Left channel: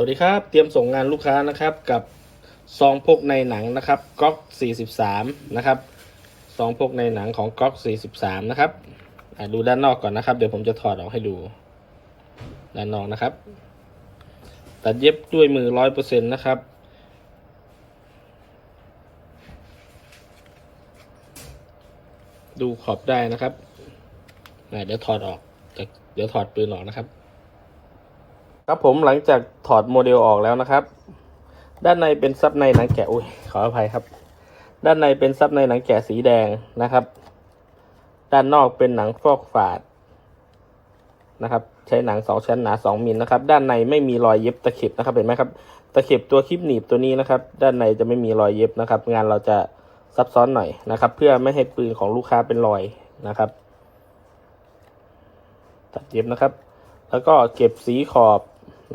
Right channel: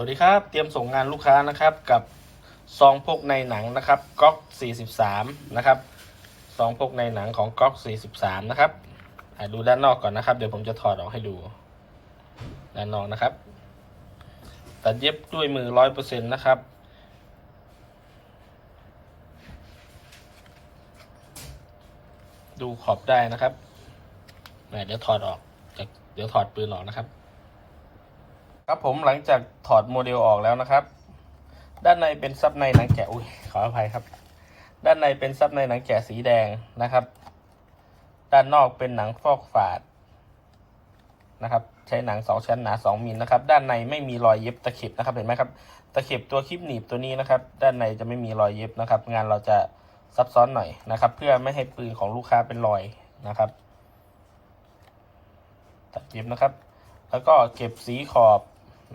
วัสดีครับ เตรียมส่งงานลูกค้านะครับกับซองพกในหนังนะครับก๊อก 43 นะครับซองพกในหนังของก๊อก 43 นะครับดูด้านนอกก่อนนะครับ เดี๋ยวผมจะถอดออกให้ดู ด้านนอกนะครับ ตัดเย็บด้วยมือร้อยเปอร์เซ็นต์นะครับ ดูขอบได้นะครับเดี๋ยวถอดออกเดี๋ยวถอดปืนออกนะครับ ครับผมหลังจากถอดโมเดลออกแล้วนะครับ ด้านในเป็นซับในหนังแกะอุ้ยขออภัยครับ ด้านในเป็นซับในหนังแกะสีแดงนะครับ ด้านนอกเป็นหนังฟอกฝาดนะครับ ใช้หนังสองชั้นหนาสองมิลนะครับ ด้านในไม่มีรอยเย็บตะเข็บนะครับเห็นไหมครับตะเข็บตัวคลิปหนีบตัวนี้นะครับ ด้านในจะไม่มีรอยเย็บนะครับ งานเราจะซับซ้อนหน่อยนะครับ เพื่อไม่ให้ปืนของลูกค้าเป็นรอยนะครับตัดเย็บนะครับ แล้วก็เก็บสีขอบ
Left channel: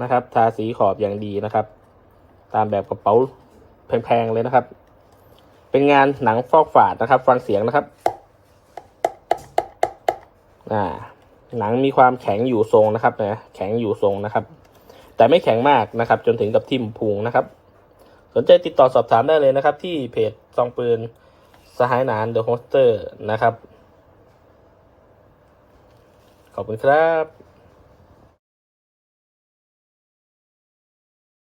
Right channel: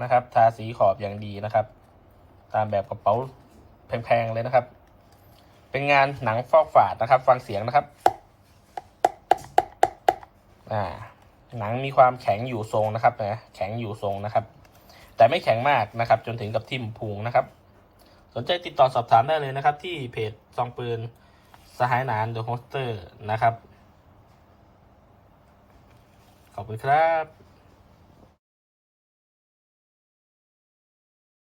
นะครับ ทาสีขอบอย่างดีนะครับ ตามแบบกระเป๋าแพงๆเลยนะครับ เป็นงานหนังฟอกฝาดนะครับ ฟังเสียงนะครับ อ่า หนังมีความแข็งอยู่ทรงนะครับนะแข็งอยู่ทรงนะครับ แต่ไม่แข็งมากนะครับ จนถึงกับทิ่มพุงนะครับ สนใจติดต่อสอบถามได้เลยนะครับ ที่เพจซองปืนสหายนานเดอะโฮสเตอร์นะครับ ขอบคุณครับ